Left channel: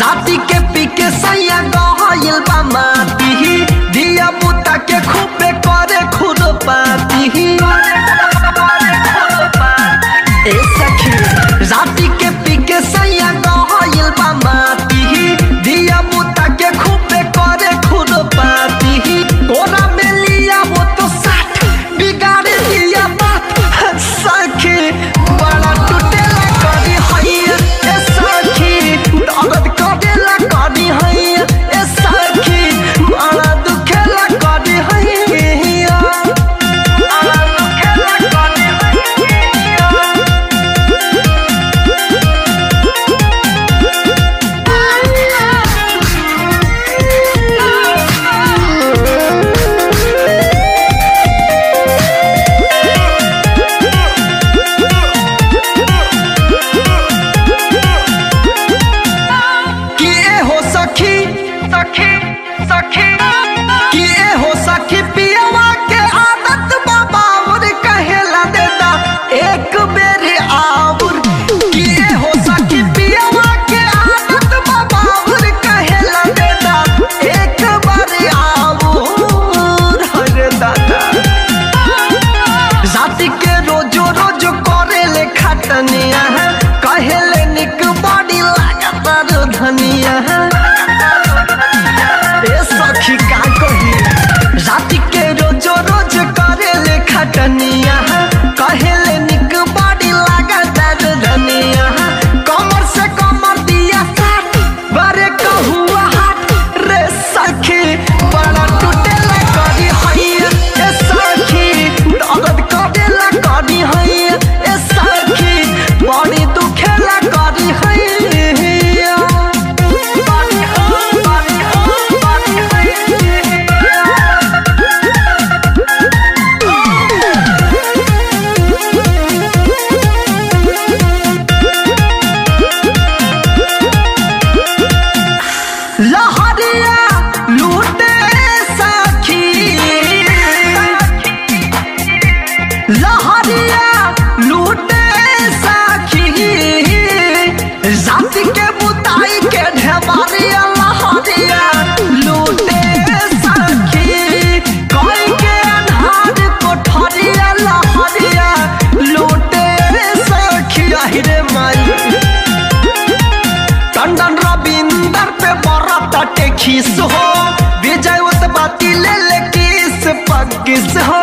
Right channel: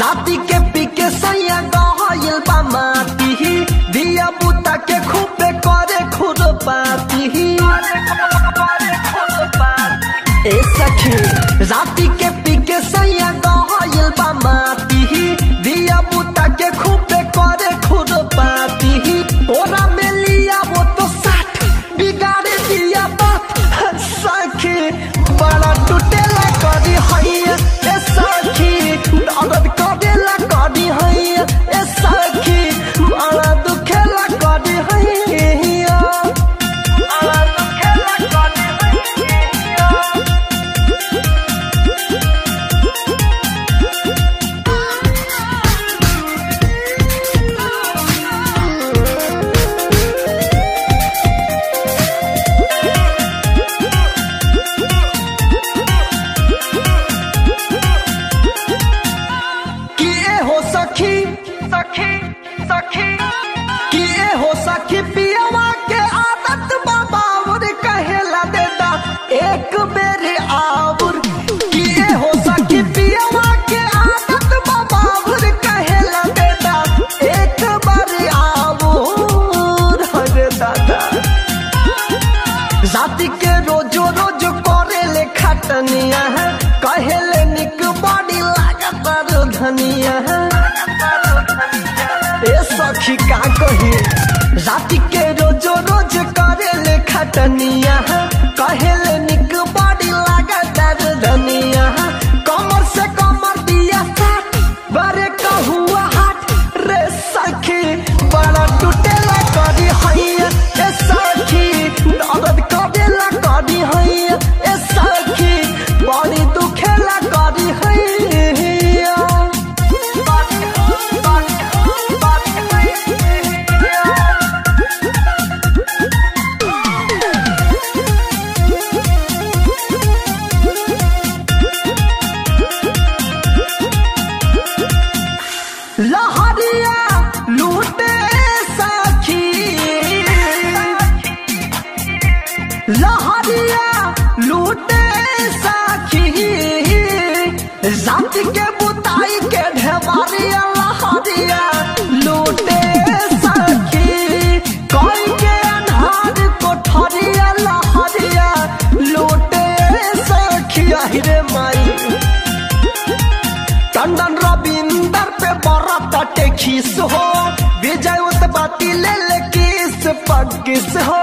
राती के पी के सैया गहल बामा पीही दिया बुता के खूबे करे खुद पाती ए सखी राती के पी के सैया गहल बामा पीही दिया बुता के खूबे करे खुद पाती तोरा में लिया हो तो साथ बिगाड़े दिया बात सखी बड़ा टूटेला करी हैया ए सखी अगद करेला करी हैया ए सखी बड़ा दुखेला करी हैया बड़ा दुखेला करी हैया सखी सखी सखी किए हो सखी पियावा के आदत बाबा और कहेला देता एक बेरे आवर किए हो सखी पियावा के आदत बाबा और कहेला देता एक बारे आवर हरे दादा रात के रोजो रोज करे ले खटनिया कहेले निक बॉडी लागता रो धनिया सखी का कही रात के रोजो रोज करे ले खटनिया कहेले निक बॉडी लगा दर धनिया कमर से कमर दिया काट बारे कहुआ हाथ रे सखी बड़ा टूटेला करी हैया ए सखी अगद करेला करी हैया ए सखी बड़ी दुखेला करी हैया लहरिया लूटे सखी लहरिया लूटे सखी रात के बुताई के ढेबरिया लहरिया लूटे सखी कोई के अन्हार कोठरिया लहरिया लूटे सखी आहिरे माई टंडन रविंदर पे बरत खीस हो विजय उस बाती ले किस पक्किस हो